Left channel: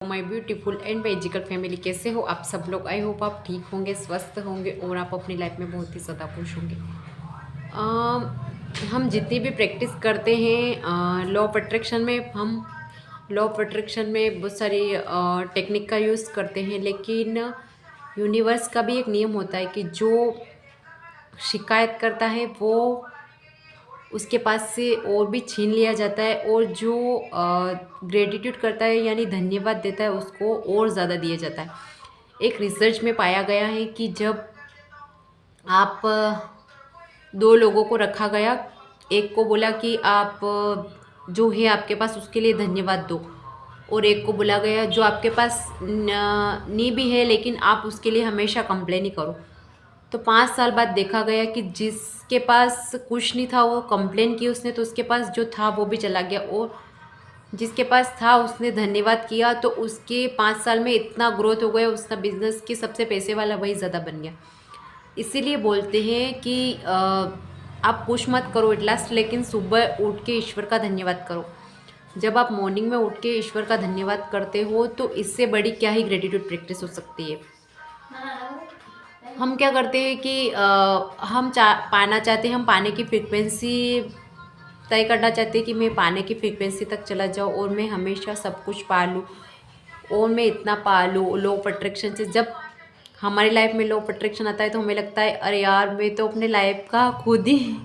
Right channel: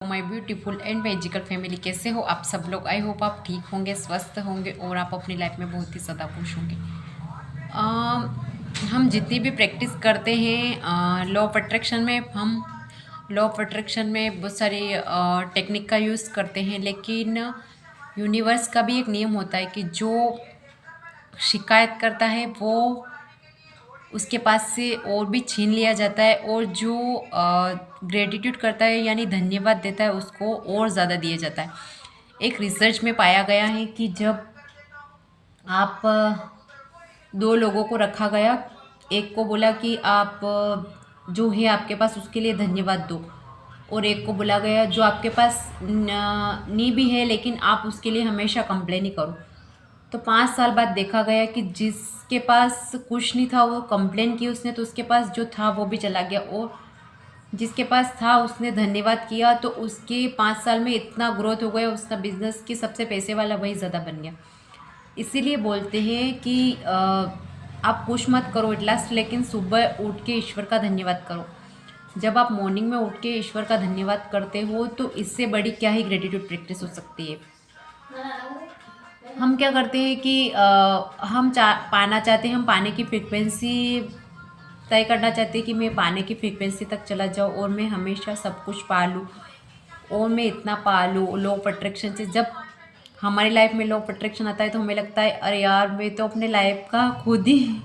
My beautiful and magical family, कैसे हो आप सब लोग। आई होप आप ठीक होंगे, स्वस्थ होंगे और आप अपनी लाइफ में बहुत ही ज़्यादा खुश होंगे। हम जितनी भी प्रैक्टिस करते हैं लॉ ऑफ अट्रैक्शन में, हम लॉ ऑफ अट्रैक्शन में बहुत सारी टेक्निक का यूज़ करते हैं, लेकिन यूनिवर्स का भी एक नियम होता है कि जो शिकायत करता है वो उसके पास से और भी छीन लिया जाता है, और जो ग्रेटिट्यूड करता है यानी धन्यवाद देता है उसको और ज़्यादा दिया जाता है। एक रिसर्च में पाया गया है कि जब आप दो लोगों को रखा गया, एक को बोला कि आप जो है आपके पास उसके लिए धन्यवाद दो, और एक को बोला गया जो आपके पास नहीं भी है लेकिन आप उसके लिए हमेशा कंप्लेन ही करो। तो 5 साल बाद देखा गया कि जिसके पास कुछ नहीं था वो कंप्लेन की उसने, तो उसके पास जो था वो भी चला गया, और जिसके पास था उसने धन्यवाद किया तो उसके 5 साल में इतना ग्रोथ हो गया, उसका बिजनेस के सबसे पैसे वाला वही ज़्यादा बन गया। इसीलिए बोलते हैं कि आप पुश मत करो एट लास्ट, लेकिन सुबह उठ के ईश्वर का धन्यवाद करो। जब आप मॉर्निंग में उठ के ईश्वर का धन्यवाद करते हो तो इससे बड़ी क्या ही ग्रेटिट्यूड प्रैक्टिस हो सकती है। हम क्या करते हैं कि हम पाना चाहते हैं, हम पाने की फ्रिक्वेंसी तय करना चाहते हैं कि मैं पाने की फ्रिक्वेंसी तक चला जाऊँ और मैं हमेशा सब कुछ पा लूँ और मैं इतना पा लूँ। लॉ ऑफ अट्रैक्शन से जब हमारी लाइफ में लॉ ऑफ अट्रैक्शन आता है तो हमें लगता है अरे यार मैं तो अपने लाइफ का खुद ही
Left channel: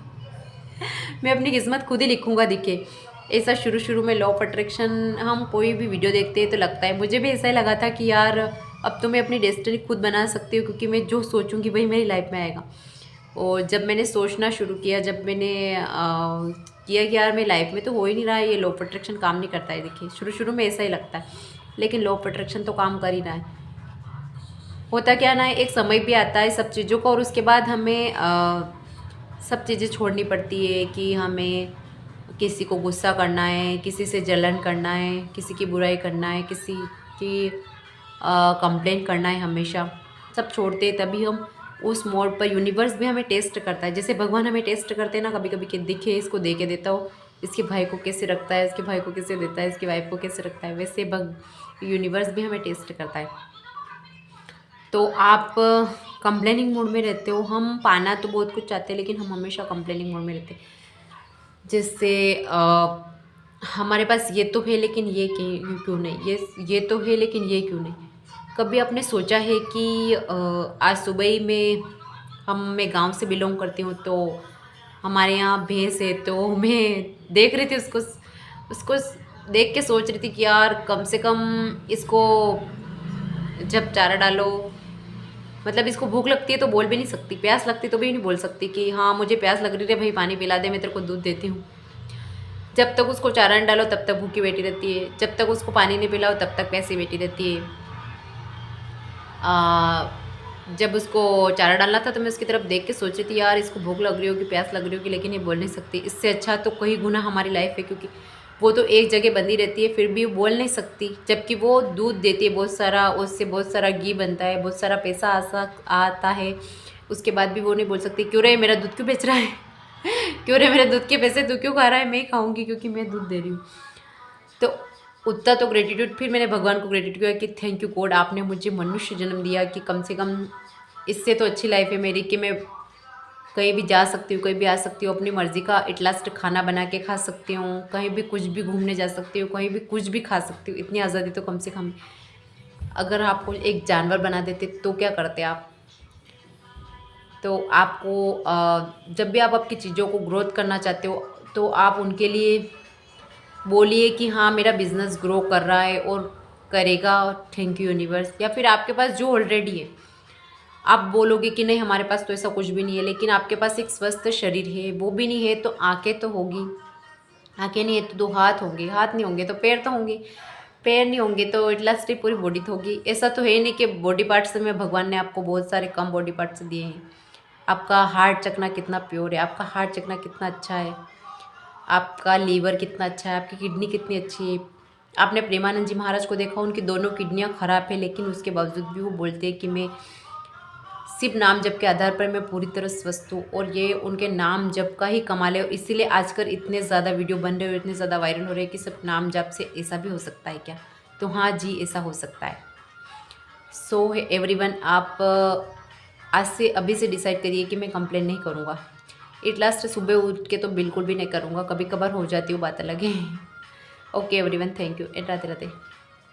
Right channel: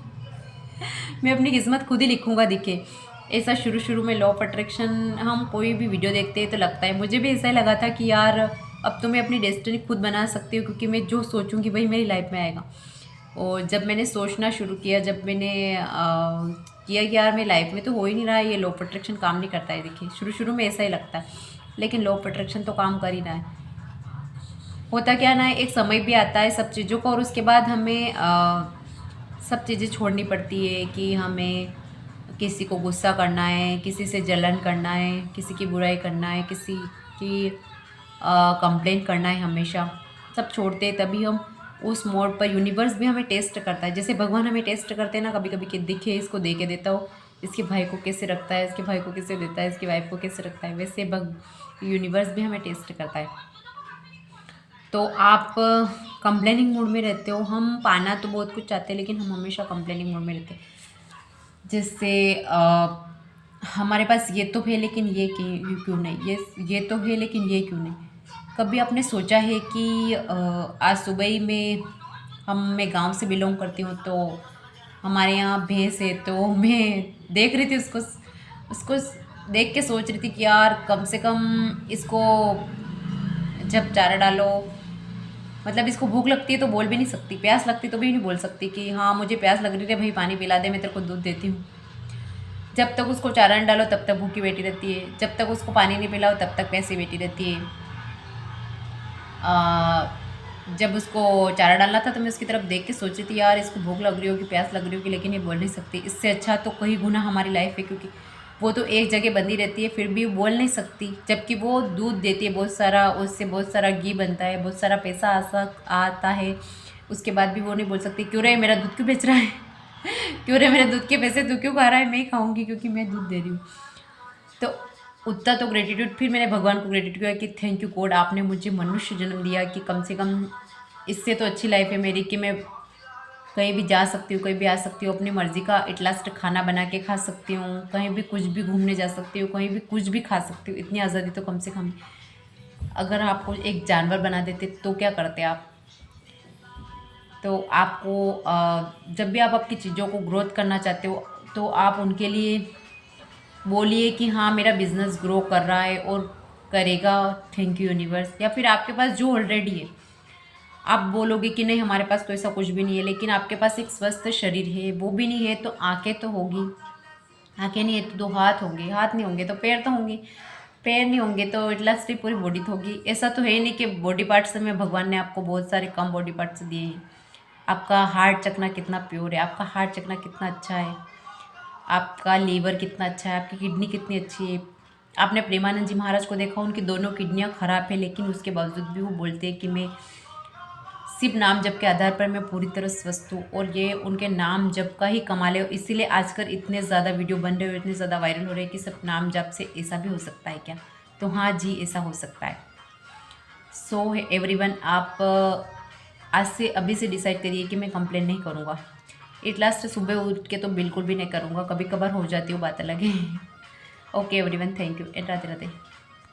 मैं अपनी किस्मत खुद ही लिखूंगा दिखे। ऐसा शुरू शुरू में लॉ ऑफ अट्रैक्शन हम कोई भी वीडियो देखते हैं तो लगता है, मुझे भी ऐसा ही लगा था कि यार अब तो मैं अपनी डेस्टिनी खुद बना सकती हूँ, क्योंकि मैं जो सोचूंगी वही मेरी लाइफ में आएगा। और जब मैंने सोचना शुरू किया, जब मैंने किया कि यार मेरी लाइफ में तो हो ही नहीं रहा है, ये लॉ ऑफ अट्रैक्शन काम नहीं करता है। देखिए शुरू शुरू में ऐसा ही लगता है, लेकिन लॉ ऑफ अट्रैक्शन तो काम कर ही रहा है। होता क्या ना, एक समय भी आता है सब चीज़ों का, और उसके बाद हमें सब चीज़ें छोड़नी पड़ती है कि हमें किसी को गुस्सा करना है, किसी से जलन करना है, किसी की बुराई करना है, किसी की कंप्लेंट करना है। हमेशा सब छोड़ते हैं तभी हम उस मोड पर, यूनिवर्स भी हमें टेस्ट करता है। जैसे भगवान हमें टेस्ट करते हैं ना कभी कभी कि दिखे इसको दे के देता हो, इसके भाई को कैसे रखता है, इसके भाई को कैसे देता है, इसकी वाइफ को कैसे रखता है, वैसे यूनिवर्स भी हमें टेस्ट करता है। तो आप कंप्लेनिंग मोड में रहते हो। हम पाना तो बहुत कुछ चाहते हैं लेकिन हम हमेशा कंप्लेनिंग मोड में रहते हैं, जिससे हमारे पास ये तो है लेकिन ये क्यों नहीं, ये तो है लेकिन ये क्यों नहीं। कभी आपने सोचा है कि आज सुबह ही मैं गांव से बिलोंग करती हूँ, तो हमारे यहाँ भैंस है, तो मैं देख रही थी उसको उसको देख के सोच रही थी कि यार कम से कम इसको जब चारा डालो, मतलब इसको भूख लगती है तो बोल भी नहीं सकती, प्यास लगती तो भी नहीं बोल सकती कि हाँ मुझे प्यास लग रही है भाई पानी पिला दे, मैं तेरे को दूध देती हूँ। जब तक उसको चारा नहीं डालो तब तक भूखी बैठी रहती है, जब तक उसको पानी नहीं पिलाओ तब तक प्यासी बैठी रहती है। जब उसको चारा डालना था तो मैं उसकी तरफ देख के सोच रही थी यार इसको भूख लग रही होगी, प्यास लग रही होगी, लेकिन ये बोल नहीं सकती। इससे अच्छा तो कहीं गुना हमारी लाइफ है, क्योंकि वो तो एक जगह बंधी रहती है फिर भी बोल नहीं सकती, जबकि वो दूध देती है बहुत सारा, उससे बहुत सारा घी बनता है, बहुत सारा पैसा आता है, उसके बाद भी वो नहीं बोल सकती क्यों रे मेरा दूध क्यों बेच रहा है क्यों रे मेरे दूध के पैसे तू क्यों खा रहा है, मैं ही खाऊंगी क्योंकि मैं दूध दे रही हूँ। तो उतना तो ग्रेटिट्यूड, फिर मैंने भगवान को ग्रेटिट्यूड किया कि थैंक यू गॉड, आपने मुझे मनुष्य जन्म दिया कि कम से कम इससे तो अच्छी लाइफ है मेरी कि मैं कहीं भी जा सकती हूँ, कहीं भी आ सकती हूँ, अपनी मर्ज़ी का एट लास्ट खाना बना के खा सकती हूँ, कहीं भी कुछ भी घूमने जा सकती हूँ, कहीं भी कुछ भी खा सकती हूँ। इतनी आज़ादी तो कम से कम, अगर आपको एक जानवर बना देते तो क्या करते आप। तो आपको जब भी आप आपकी चीज़ों को ग्रोथ करना चाहते हो तो आप उनके लिए बोलिए कि हाँ मेरा बिजनेस ग्रो कर रहा है और करेगा, थैंक यू यूनिवर्स। या फिर आपके पास जो ऑलरेडी है, आप बोलोगे कि नहीं हमारे पास तो ऐसा कुछ भी नहीं है, लेकिन आपके पास एक स्वस्थ शरीर है, वो भी नहीं है तो आंखें तो होगी, आंखें नहीं है तो 2 हाथ होंगे, हाथ नहीं होंगे तो पैर तो होंगे, पैर नहीं होंगे तो एट लास्ट पूरी बॉडी तो होगी। ऐसा तो है ही नहीं कि बॉडी पार्ट्स में भगवान ने आपको बहुत सारे कम बॉडी पार्ट्स दिए हैं। आपका हार्ट चकना कितना प्योर है, आपका हार्ट चकना कितना अच्छा है, आपका लीवर कितना अच्छा है, आपकी किडनी कितनी अच्छी है। आपने प्रेमानंद जी महाराज को देखा, उनकी दोनों किडनियाँ खराब है लेकिन उसके बावजूद भी वो बोलते हैं कि मैं सिर्फ नाम जप के आधार पर मैं पूरी तरह स्वस्थ हूँ, और ये उनके नाम जप का ही कमाल है। इसीलिए आजकल इतने ज़्यादा वीडियो बन रहे हो, इतने ज़्यादा वायरल हो रहे हैं कि सिर्फ नाम जप से ऐसा भी हो सकता है क्या। तो हाँ जी, ऐसा हो सकता है। सो एवरीवन, आप आज से अभी से डिसाइड करिए कि मैं कंप्लेन नहीं करूँगा। एट लास्ट सुबह उठ के तो बिल्कुल भी नहीं करूँगा, कभी कभार हो जाती हूँ, बात अलग है। Okay everyone, thank you and Radhe Radhe.